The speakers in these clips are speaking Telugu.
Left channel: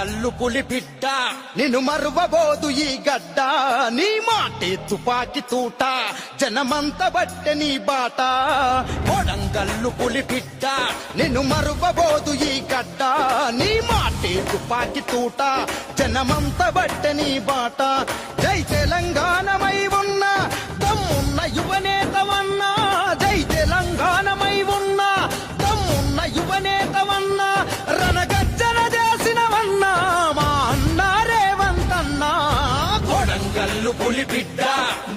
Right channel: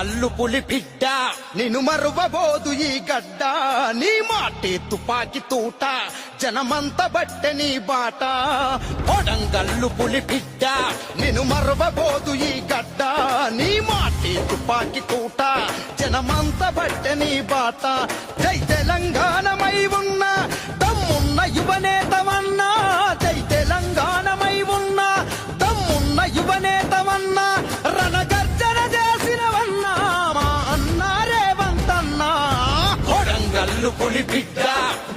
కొడంగల్లు పులి బిడ్డ నిన్ను మరువబోదు ఈ గడ్డ నీ మాటే తుపాకి తూట జనమంత బట్టె నీ బాట కొడంగల్లు పులి బిడ్డ నిన్ను మరువబోదు ఈ గడ్డ నీ మాటే తుపాకి తూట జనమంత బట్టె నీ బాట జై తెలంగాణమై ఉన్న దమ్మున్న యువనేతవన్నా జై తెలంగాణమై ఉన్న దమ్మున్న యువనేతవన్నా రణగర్జన చేసినవన్నా మా అన్న రేవంతన్న కొడంగల్లు పులి బిడ్డ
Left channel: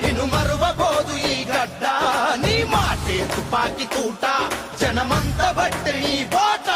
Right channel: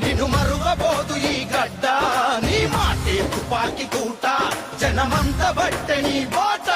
నిన్ను మరువబోదు ఈ గడ్డ నీ మాటే తుపాకి తూట జనమంత బట్టె ఈ బాట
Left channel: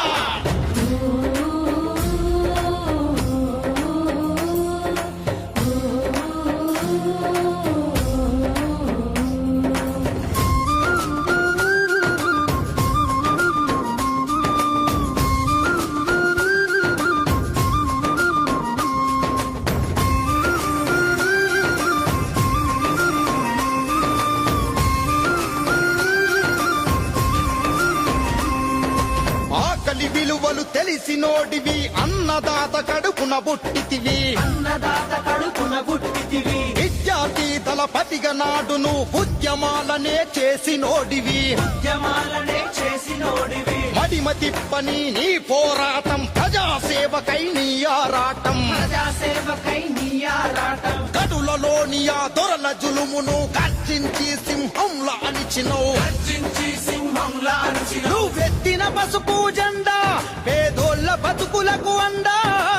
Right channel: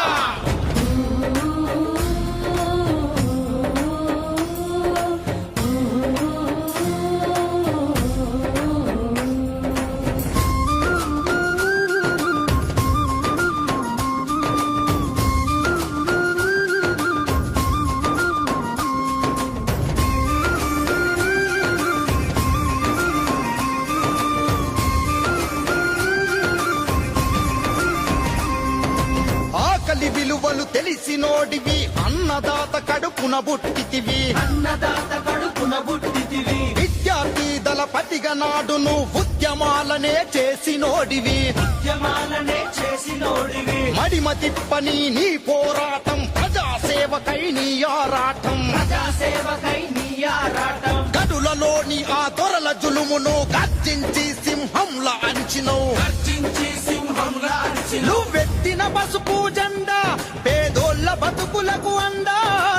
విలువలు తెలిసినోడివి అన్నదాత కడుపున బొట్టితివి అన్నదాత కడుపున బుట్టితివి విద్యార్థి దళపతిగా నాడును ఉద్యమాలనే చేసినోడివి ఉద్యమాలనే చేసినోడివి మడిమ తిప్పని నీ పోరాటం ప్రజాసేవకై నీ ఆరాటం ప్రజాసేవకై నీ ఆరాటం గడులలోని ఆ దొరల జులుమును గర్జించి సింహంలా అణిచినవు గర్జించి సింహంలా అణిచినవు నువ్వెత్తిన పసుపు జెండా పేదోళ్ళ బతుకులకు అండా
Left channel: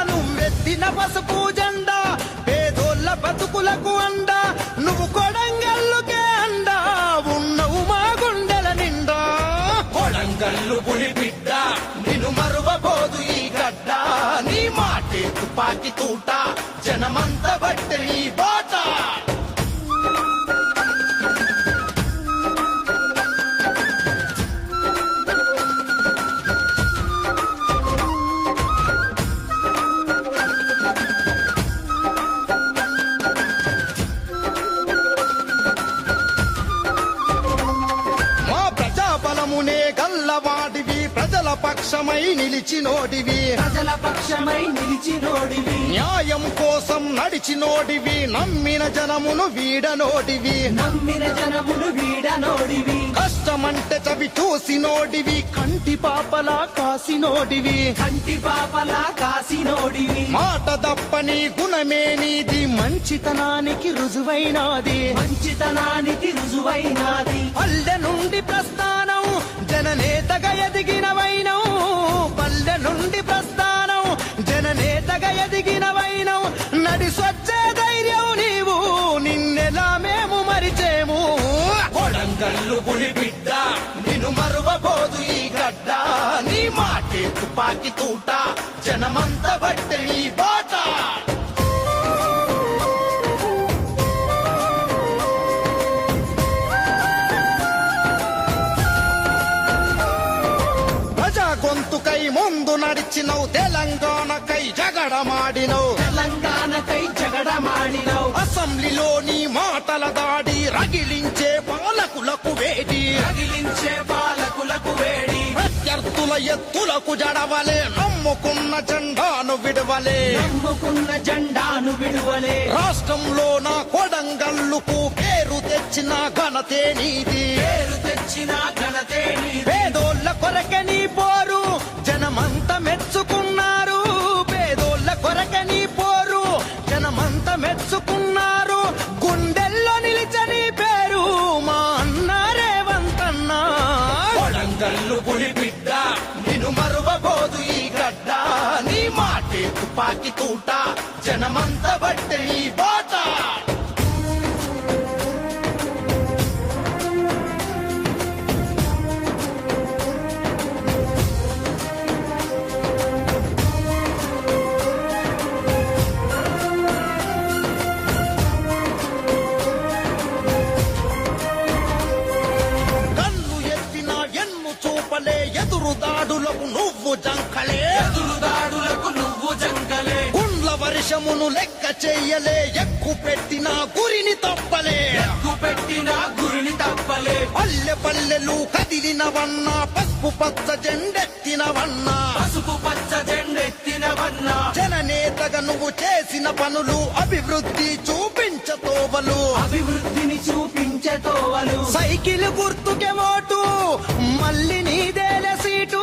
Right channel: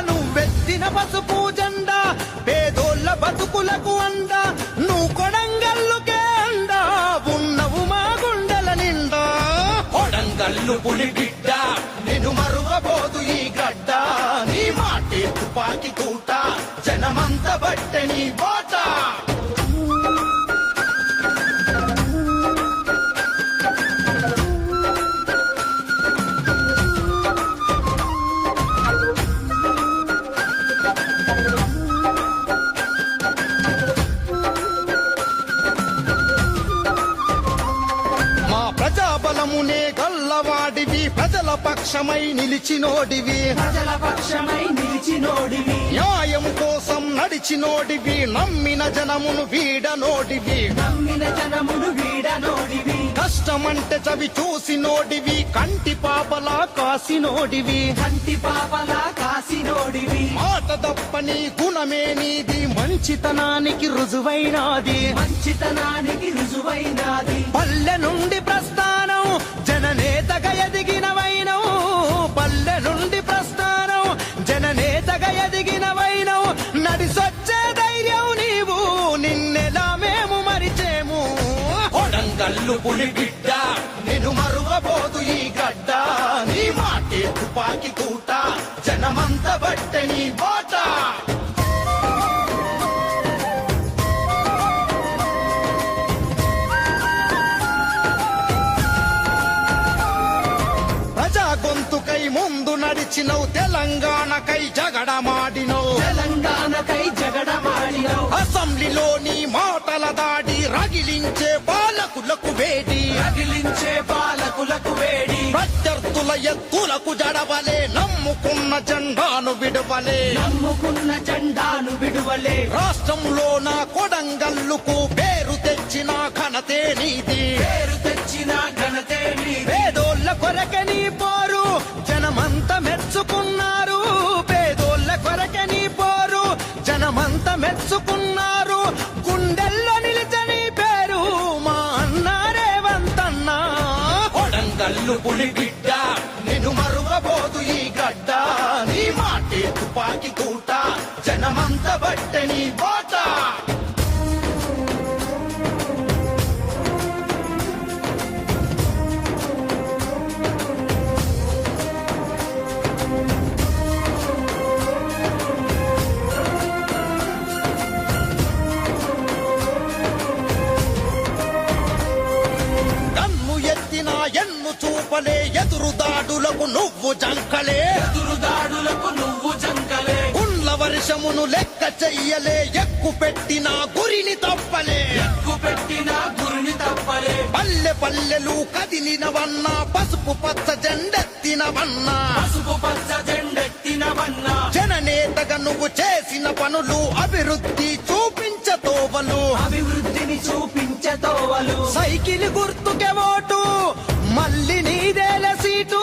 నువ్వెత్తిన పసుపు జెండా పేదోళ్ళ బతుకులకు అండా నువ్వు కొడంగల్లుకే అండా ఉన్నవు మా గుండెల నిండా కొడంగల్లు పులి బిడ్డ నిన్ను మరువబోదు ఈ గడ్డ నీ మాటే తుపాకి తూట జనమంత బట్టె ఈ బాట ప్రజాబలమునే గల్లవాడివి ప్రజల పక్షమై నిలిచినోడివి ప్రజల పక్షమై నిలిచినోడివి న్యాయం కోసం నడిచినోడివి నమ్మిన జనమును వీడనోడివి నమ్మిన జనమును వీడనోడివి కష్టమంటే చవి చూసినోడివి కంటి పాపలా కాసినోడివి కంటి పాపలా కాసినోడివి మాట దప్పని గుణమే నీది మంచితనానికి రుజువైనాది మంచితనానికి రుజువైనాది పల్లె నుండి ప్రస్థానం జననేతగా ఎదిగినవైనవు పల్లె నుండి ప్రస్థానం జననేతగా ఎదిగినవైనవు నడిసొచ్చే ధైర్యం నీవు నిన్నెలా మేము మరిచేము కొడంగల్లు పులి బిడ్డ నిన్ను మరువబోదు ఈ గడ్డ నీ మాటే తుపాకి తూట జనమంత బట్టె ఈ బాట గొంతుకై ముందు నడిచినవు తెలంగాణకై జగడమాడినవు తెలంగాణకై జగడమాడినవు అసెంబ్లీలోని మాటల దాడి రగిలించే పాలకులకు వేడి రగిలించే పాలకులకు వేడి ప్రత్యర్థుల ఎత్తులకు జడవలే నమ్ముకున్న జెండాను విడువలే నమ్ముకున్న జెండాను విడువలే రాష్ట్రంలో నా కొడంగల్లుకు పేరు తెచ్చిన ఘనతే నీది పేరు తెచ్చిన ఘనతే నీది పేదోళ్ళ కొరకే నీ పోరు జనమంత మెచ్చుకున్నారు పేదోళ్ళ కొరకే నీ పోరు జనమంత మెచ్చుకున్నారు గుండెల్లో నిలిచని పేరు మా అన్న రేవంతన్న కొడంగల్లు పులి బిడ్డ నిన్ను మరువబోదు ఈ గడ్డ నీ మాటే తుపాకి తూట జనమంత బట్టె ఈ బాట చూపలే ఎదురుదాడులకు నువ్వు జంకలే ఎదురుదాడులకు నువ్వు జంకలే గుండ్ల వర్షమును లెక్క చెయ్యలే ఎక్కు పెట్టిన గురిని తప్పలే ఎక్కు పెట్టిన గురిని తప్పలే పల్లె పల్లెలు కదిలినవన్నా పసుపు పచ్చ జెండెత్తినవన్నా పసుపు పచ్చ జెండెత్తినవన్నా జననే అభివృద్ధి చూపించతోవలు అభివృద్ధిని చూపించతోవలు సైకిల్ గుర్తుకే ఓటు మళ్ళీ నీదేల సీటు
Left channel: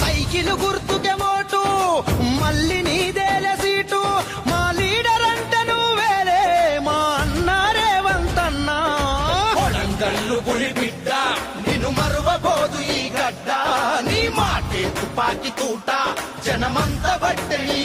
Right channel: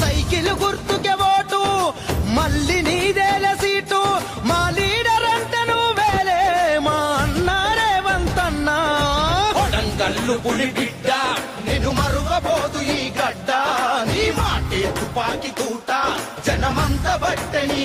సైకిల్ గుర్తుకే ఓటు మళ్ళీ నీదేల సీటు మా లీడర్ అంటే నువ్వేలే మా అన్న రేవంత్ అన్న కొడంగల్లు గుడి బిడ్డ నిన్ను మరువబోదు ఈ గడ్డ నీ మాటే తుపాకి తూట జనమంత బట్టే ఈ